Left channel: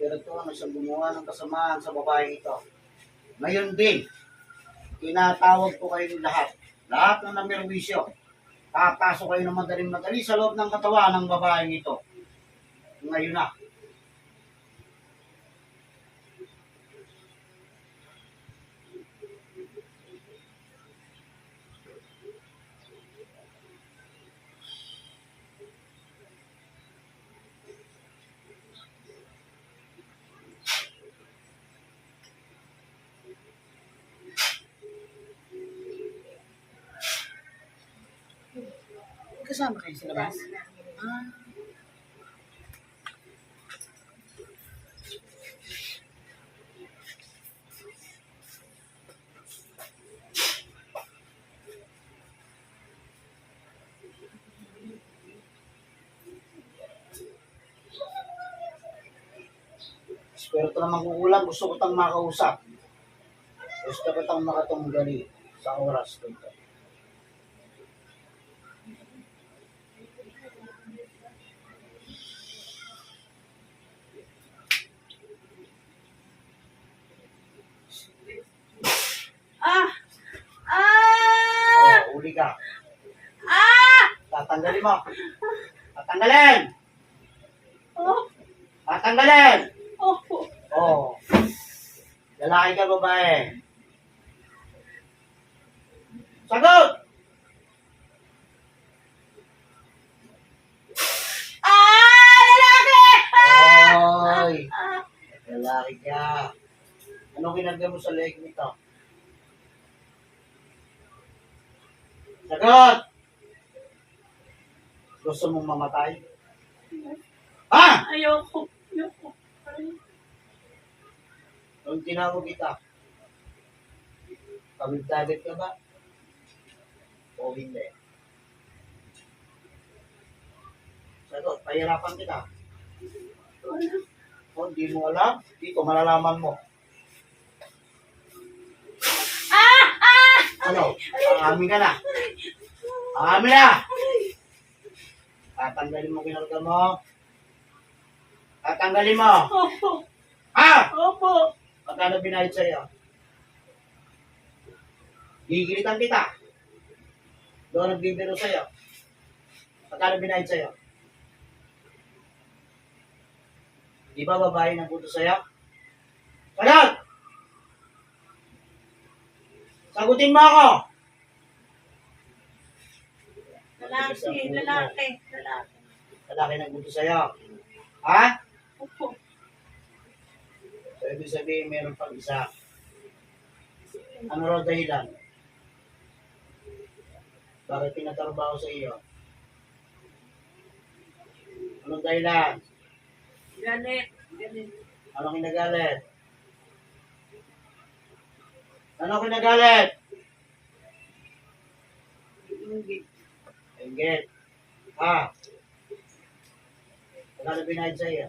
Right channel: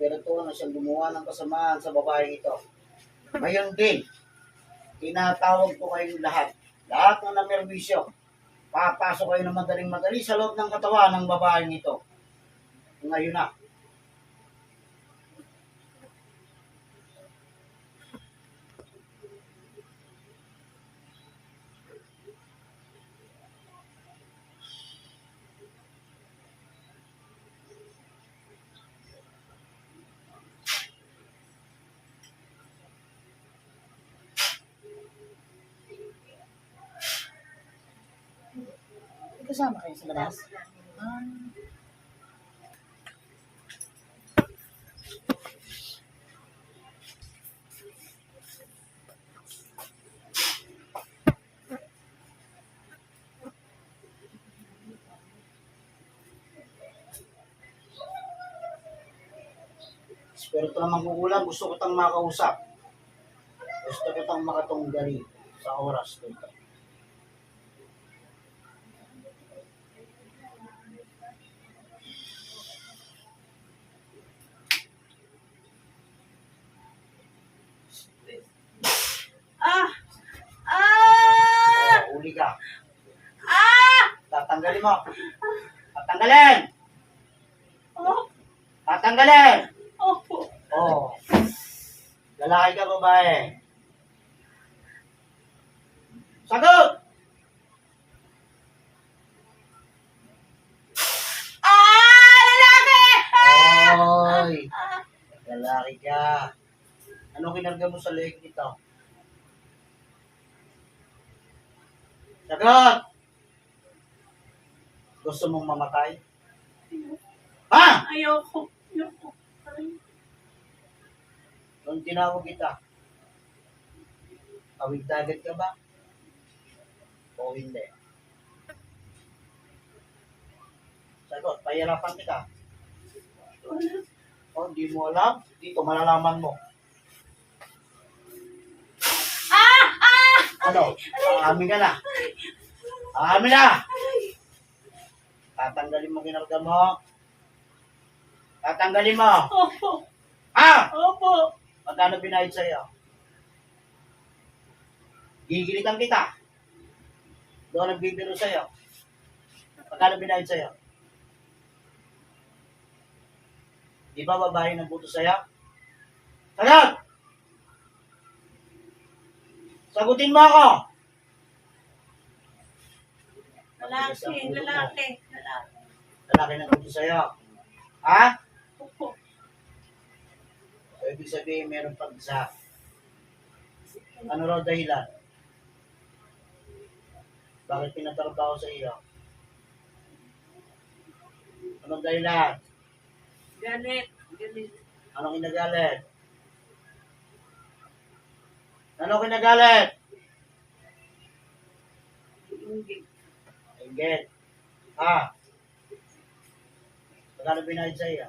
espiritu na siyang gumawa ng kasamaan sa babaeng ito. Ngayon din, tinatawag ko kayong lahat. Lahat ng namerwisyo. Papasok kayo ng madaling-madali sa loob ng katawan ng babaeng ito. Ngayon na. Kasama kayo sa labas? Espiritu naman kukulang, gusto ko tang makausap. Gusto ko tang makatunggali sa oras dito. Uli ka. Tatanggalin mo. Tatanggalin! Tatanggalin! Oh. Lalaki ka, babae. Sagot! Lalaki! Oy! Lalaki ka. Ano kinarga mo sa leg nito? Sagot! Gusto mong mamatay? Ha? Ayoko. Nung tinawag kita, tawid-dagat ka ba? O hindi? Sagot, pahirapan kita. O, hindi mo alam? Dito, malalaman mo. Ano? Aamin ka na. Aamin na! Tatanggalin mo kinarga mo. Tatanggalin mo. Opo. Ha? Opo. Magkano binayad sa'yo? Gigilitan kita. Doon nagbibiro sa'yo. Magkano binayad sa'yo? Di ba babae nagbuto sa'yo? Sagot! Sagutin mo ako! Lalaki. Lalaki nagbuto sa'yo. Ha? Opo. So, ibig sabihin, meron pang isa. Ano raw dahilan? Bakit pinatrabaho sa iyo? Anong dahilan? Galit. Anong kinagalit? Anong kinagalit? Inggit. Ha? Magkano binayad sa iyo?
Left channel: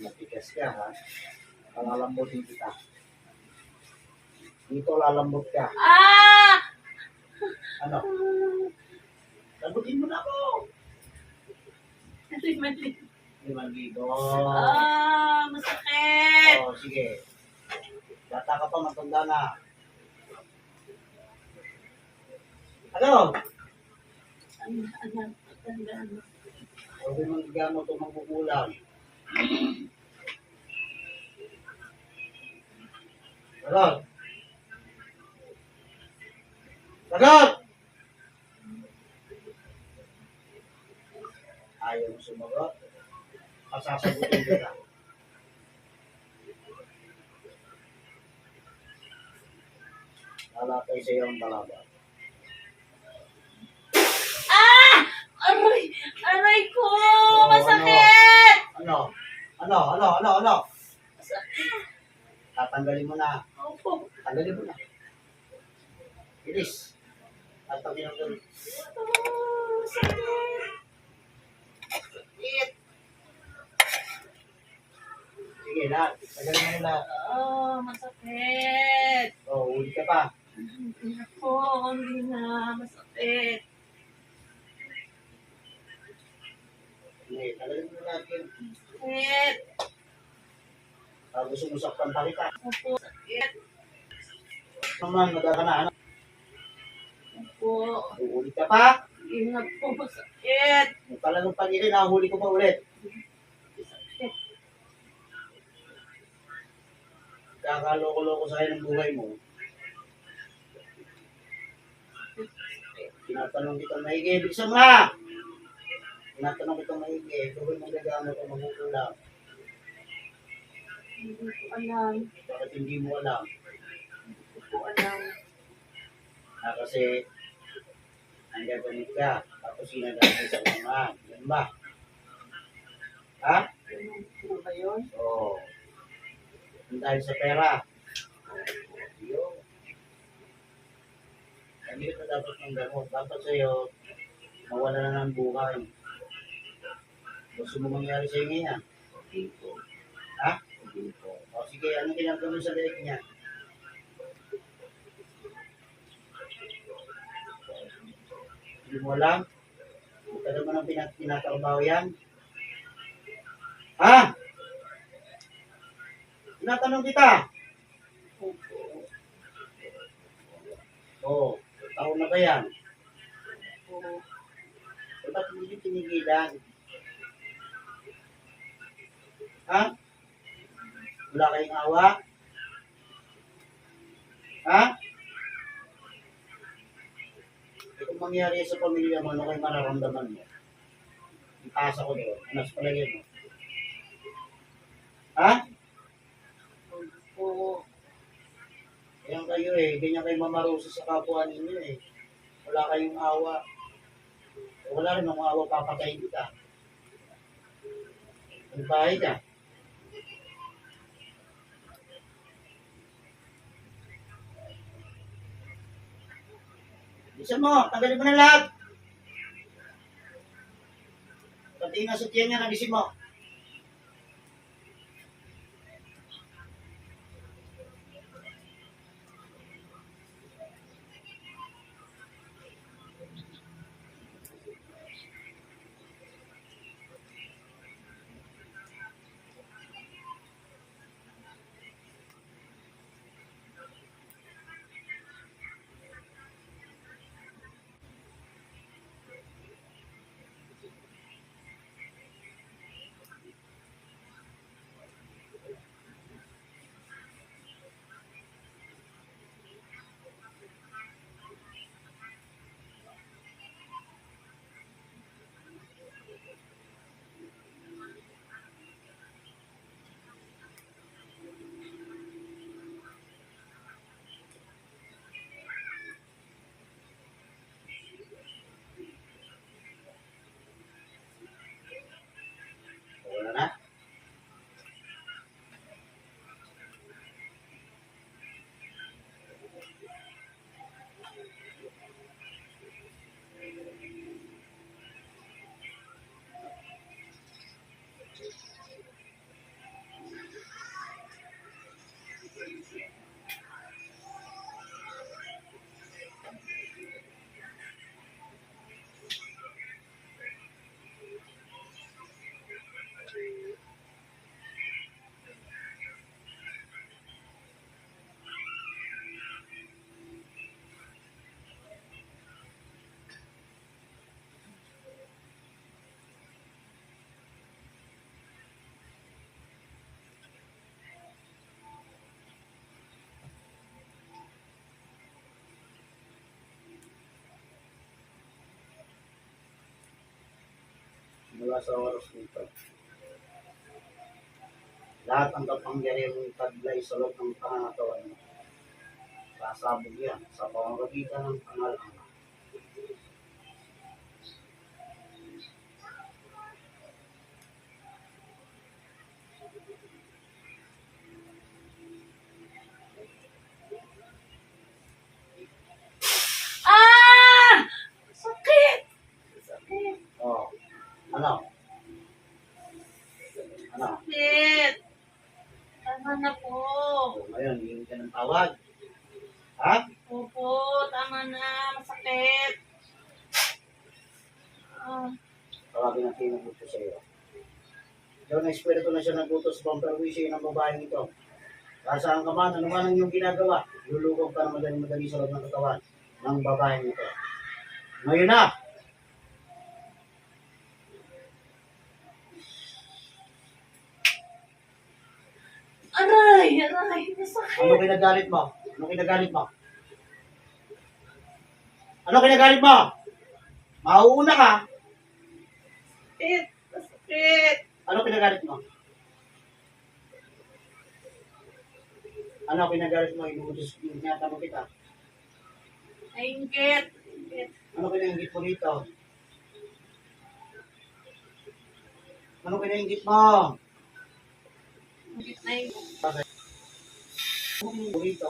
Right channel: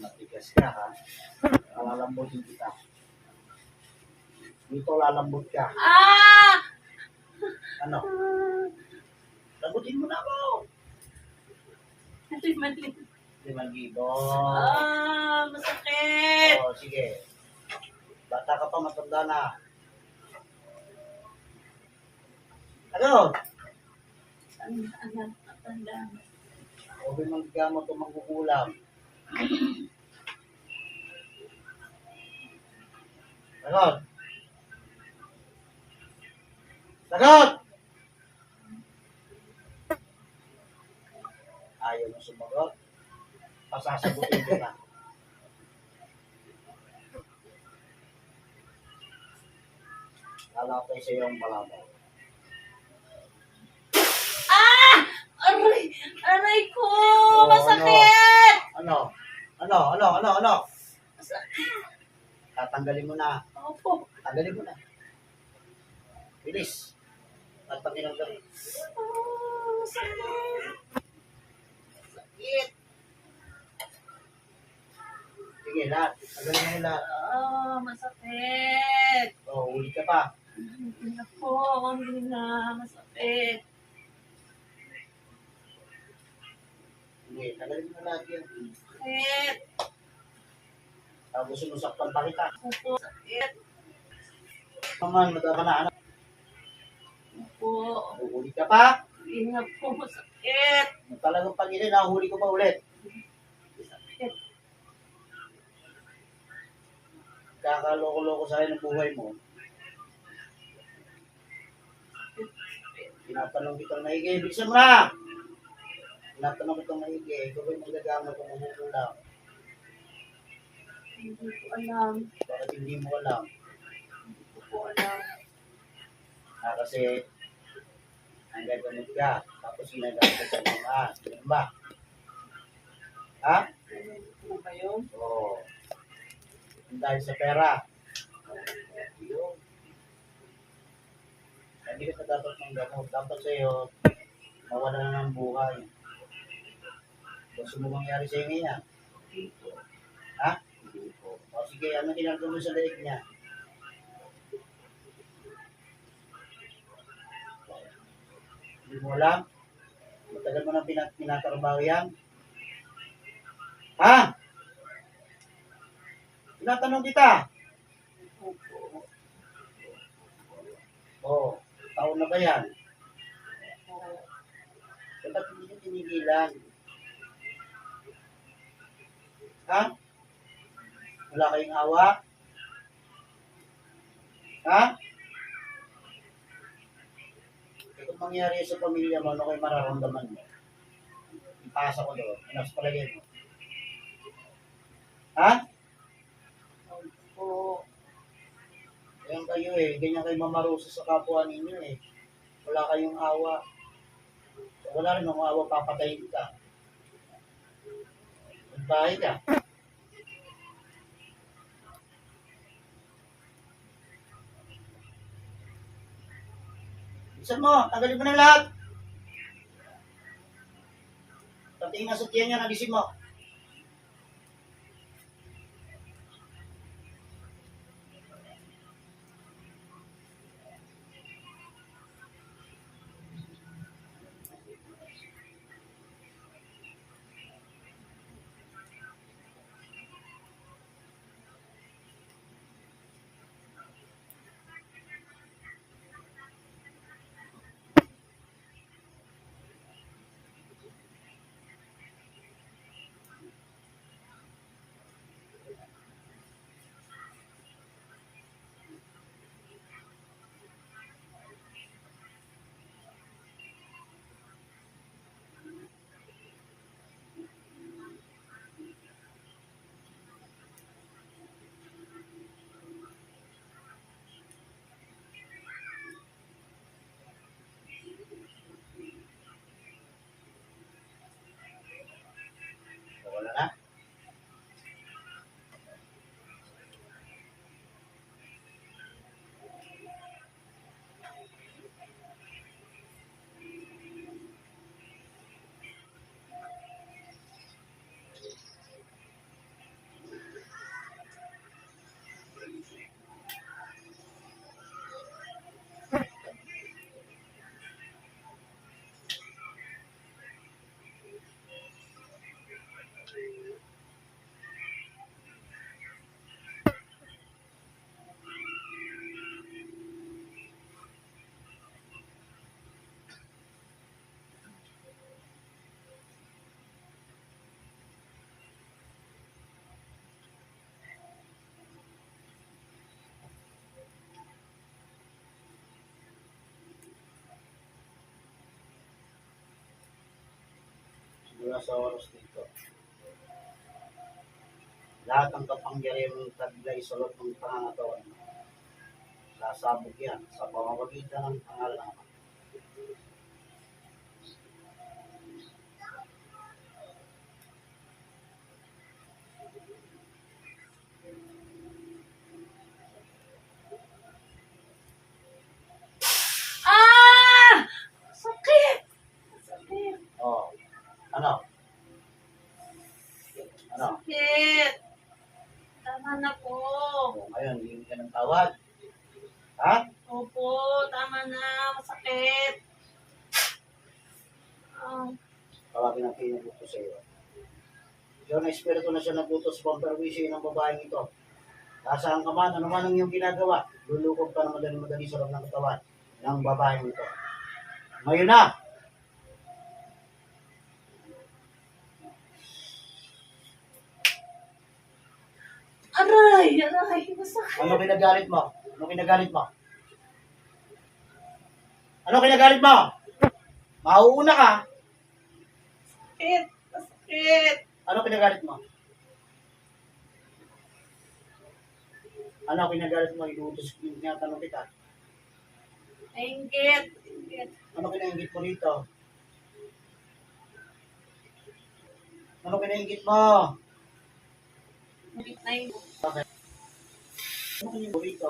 Matigas ka, ha? Lalambutin kita. Dito lalambot ka. Ano? Lambutin mo na ako. 5,000. 5,000. Masakit. Oh, sige. Bata ka pa, matanda na. Ano? Anak, tanda. Huwag mong gamot o mangkukulam. Sagot! Sagot! Ayaw mo sumagot. Pasasagutin ko na. Lalapay sa iyo ang balaban. Aray ko! Masakit! Ano? Masakit. Tatanggalin mo na. Opo. Tanggalin mo na. Bilis. At pag tinanggalin. Masakit. Sakit. Sige, lahat. Tanggalin mo lahat. Masakit. Uli ka pa. Hindi na. Masakit. Sige, talagang mo na lahat yun. Sakit. Gusto mo saktan pa kita. Opo. Sakit. Naman, magkakanaan. Opo. Uulit ka pa. Ingat po. Sakit. Talagang pag-irin, nahuli ko pa ulit. Sakit. Kakaloko-loko sa ng buhay mo. Sakit. Tinatanong kitang maigi. Bilisan mo na! Tinatanong kitang maigi. Ikaw ba'y magagamot o magugulang? Hindi ko alam. Bakit hindi mo alam? Hindi ko po alam. Kasi ang gagamit ka. Tapos ginagamit sa mga. Ganun ba? Ha? Ganun po ba yun? Oo. Dahil sa pera. Yun. Hindi ka dapat ng gamot. Dapat sa'yo, mawala na ng buhay. Gusto mo mangyari sa'yo ngayon? Hindi po. Ha? Hindi po. O sige, anong ginagawa mo sa leeg niya? Hindi mo alam? Matagal mo nang tinatrabaho yan? Ha? Tinatanong kita. Opo. Oo. Taon na ba yan? Opo. Ba't hindi nyo tinigilan? Ha? Wala kayong awa? Ha? Kung mangyari sa pamilya mo, ano kayo mararamdaman mo? Ipasa ko doon. Ano sa palagay mo? Ha? Opo. Ganyan kayo eh. Ganyan kayo mamaruso sa kapwa ninyo eh. Wala kayong awa. Wala rin ng awa, papatayin ka. Magbahay ka. Bisan mo, tanggalin mo na lahat. Pati yung nasa tiyan niya, nalisin mo. Wala na. Simula sa oras dito. Lahat ang kapangyarihan ng taglay sa loob ng pangangatawan mo. Sasabog yan sa pamamagitan ng pangalan ng Ama. Ah! Sakit! Sakit! Oh. Ano? Ano? Sakit! Tama na po. Oh, ngayon, hindi ka ng tawad. Ha? Opo, tama na. Masakit. Ah, Tawagin natin yung gusto sa iyo. Diyon na espiritu na siya naglutos sa pamperwisyo ng babaeng ito. Kasaan ka man, ano man ang iyong ginagawa, lulukog ka na madali-madali sa loob ng katawan ng babaeng ito. Ngayon na, Aray! Aray! Masakit! ano kinagalit mo? Ano kinagalit mo? Ano kinagalit mo? Mauuna ka. Sakit! Masakit! Ano kinagalit mo? Ano kinagalit mo? Inuutos tinatanong kita. Nainggit! Nainggit! Ano kinaingit mo dito? Ano kinaingit mo? Nainggit na yun. Ano kinaingit mo dito?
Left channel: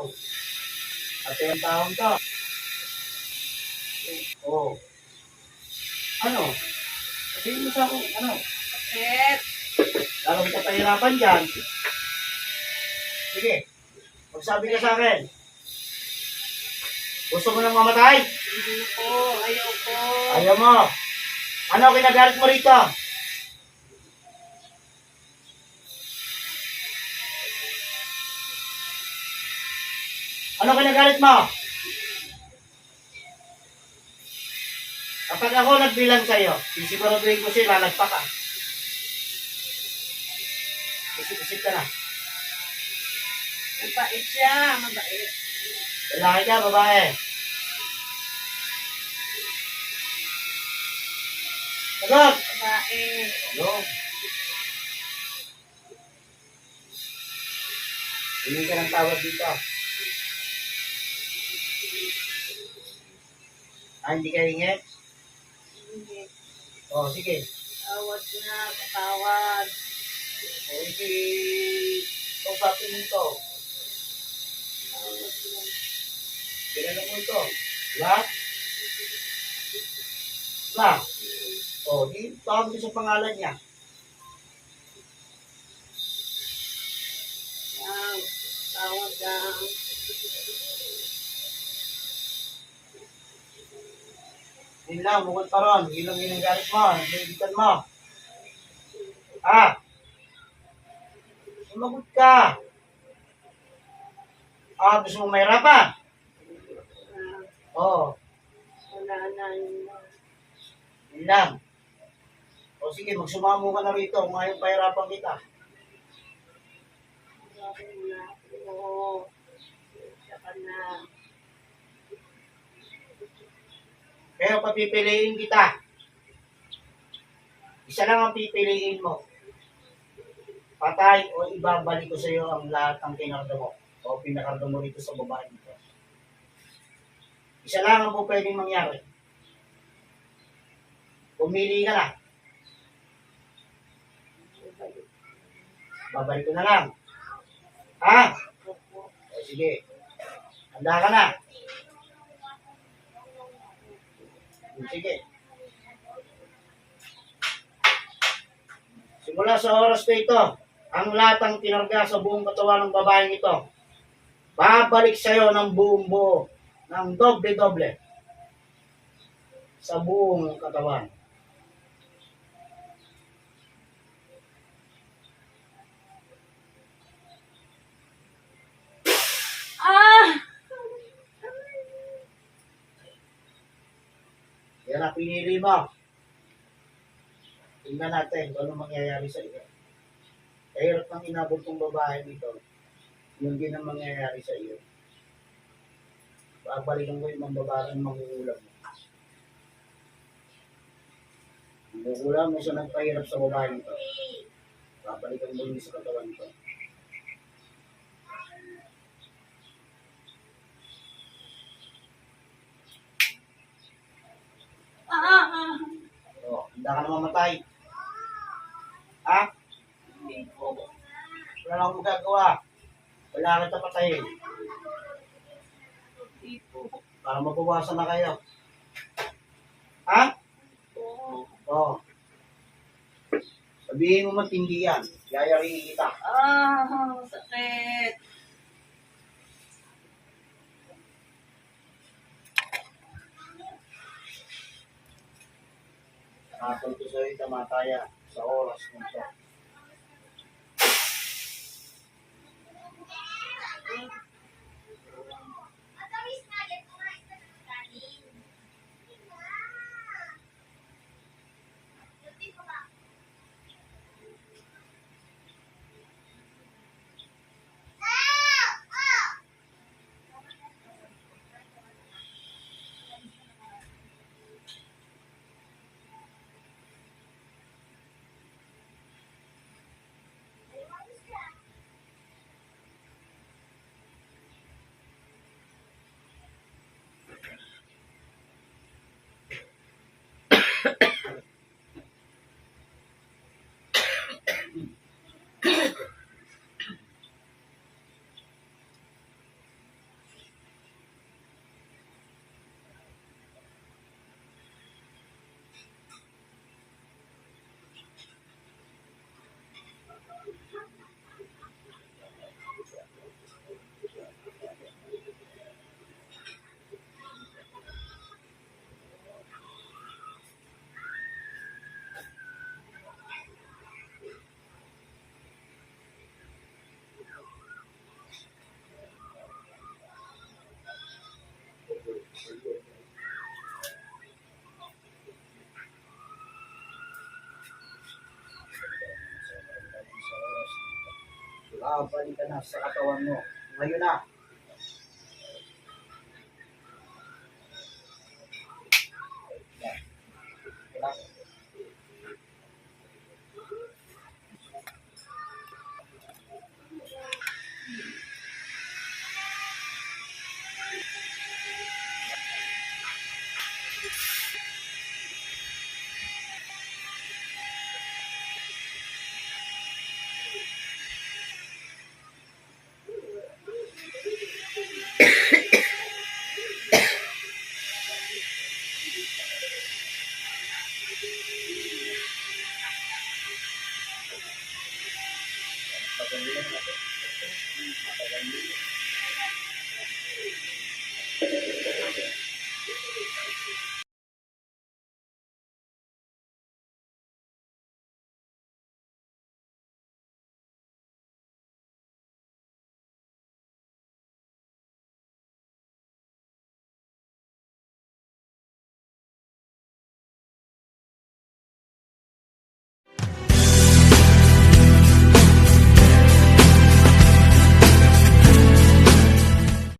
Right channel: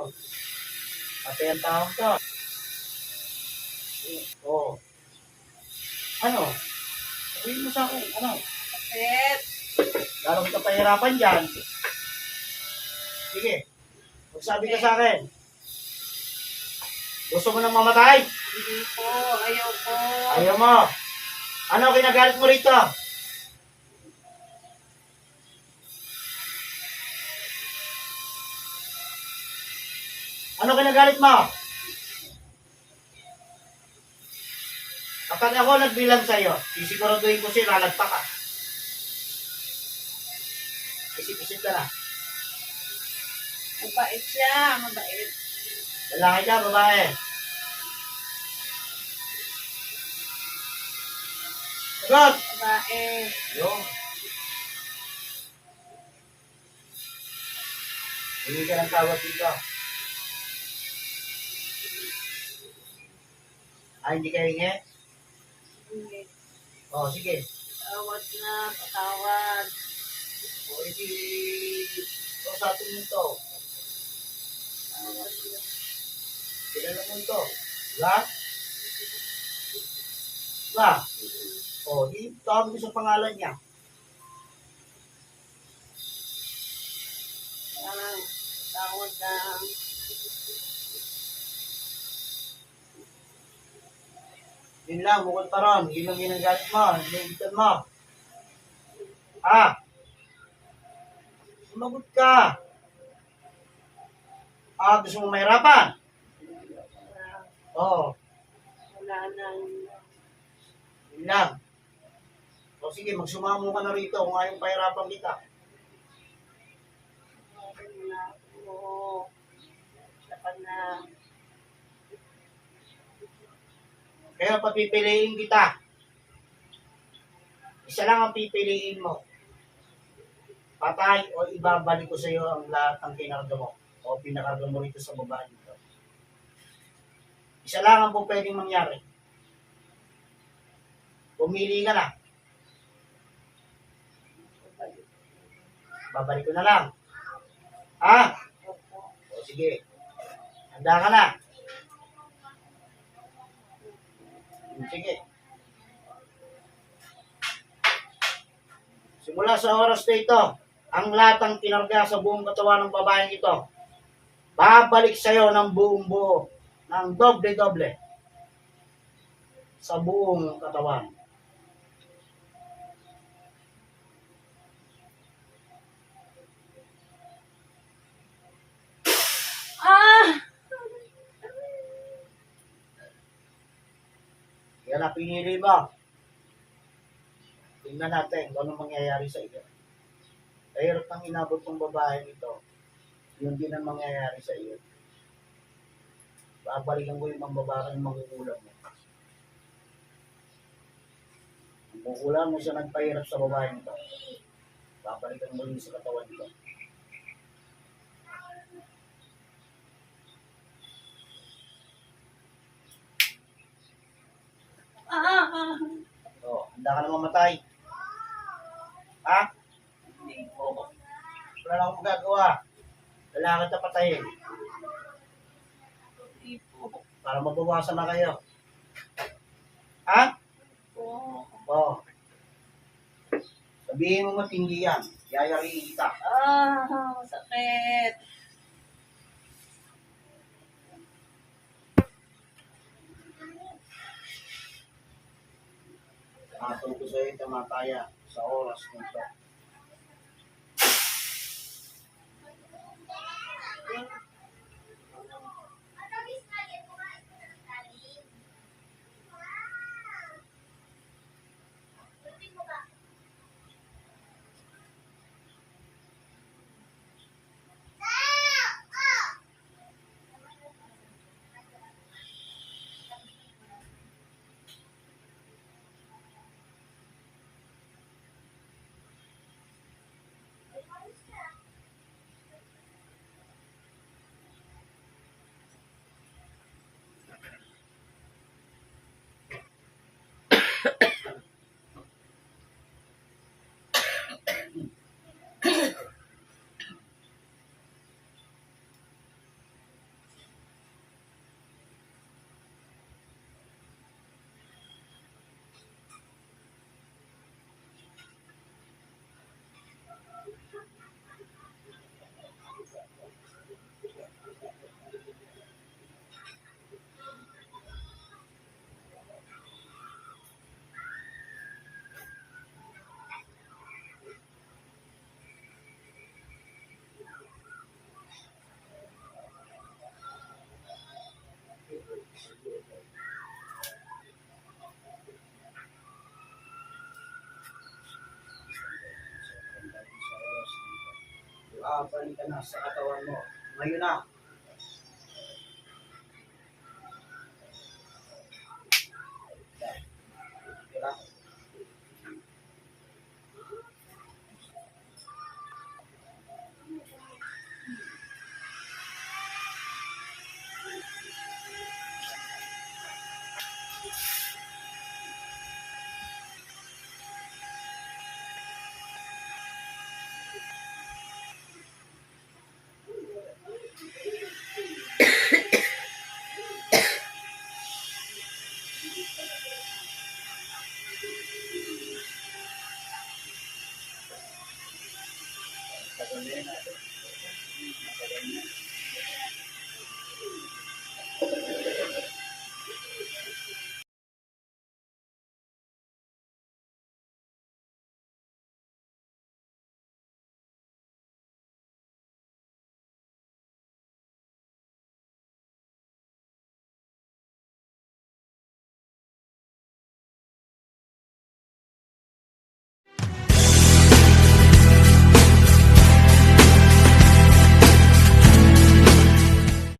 Ate ang taong to. Oo. Ano? Sabihin mo sa akin, ano? Sakit! Lalo kita pahirapan dyan. Sige. Magsabi ka sa akin. Gusto mo nang mamatay? Hindi po! Ayaw po! Ayaw mo. Ano kinagalit mo rito? Ano kinagalit mo? Kapag ako nagbilang sa'yo, sisiguraduhin ko siya, lalagpa ka. Isip-isip ka na. Mabait siya! Mabait! Lalaki ka, babae. Sagot! Babae! Yo. Hindi ka ng tawag dito. Hindi ka hingi? Hindi. O, sige. Tawad na! Patawad! O, kausapin mo ito. Tawad na! Kilala mo ito. Diba? Diba? O, di tawag ko sa pangalan niya. Lang! Tawad lang! Yun lang, bukod pa ron. Yun lang ginagalit mo. Hinihigitan mo. Sumagot ka. Gusto mong mahirapan? Oo. Wala na yun. Yun lang. O sige, magsumamo ka na rito kung ayaw pahirapan kita. Bakit na ako? Siya ka na. Pero papipiliin kita. Isa lang ang pipiliin mo. Patay o ibabalik ko sa iyo ang lahat ng kinarga mo o pinakarga mo rito sa babae nito. Isa lang ang po pwedeng mangyari. Pumili ka na. Babalik ko na lang. Opo. O sige. Handa ka na. Sige. Simula sa oras na ito, ang latang kinarga sa buong katawan ng babaeng ito, babalik sa iyo ng buong buo, ng doble-doble, sa buong katawan. Ah! Yan ang pinili mo. Tingnan natin kung ano mangyayari sa iyo. Kahirap nang inabot ng babae dito, yun din ang mangyayari sa iyo. Babalikan ko yung mambabarang mangukulam mo. Mangukulam mo siya nagpahirap sa babae nito. Babalikan mo sa katawan nito. Ah! O, handa ka na mamatay. Hindi po. Wala lang akong magagawa. Kailangan kita patayin. Hindi po. Para mabawasan na kayo. Po. O. Sabihin mo matindi yan. Yayariin kita. Sakit. Natulog ko sa'yo tamataya sa oras nito. babalik ka na sa katawan mo. Ngayon na,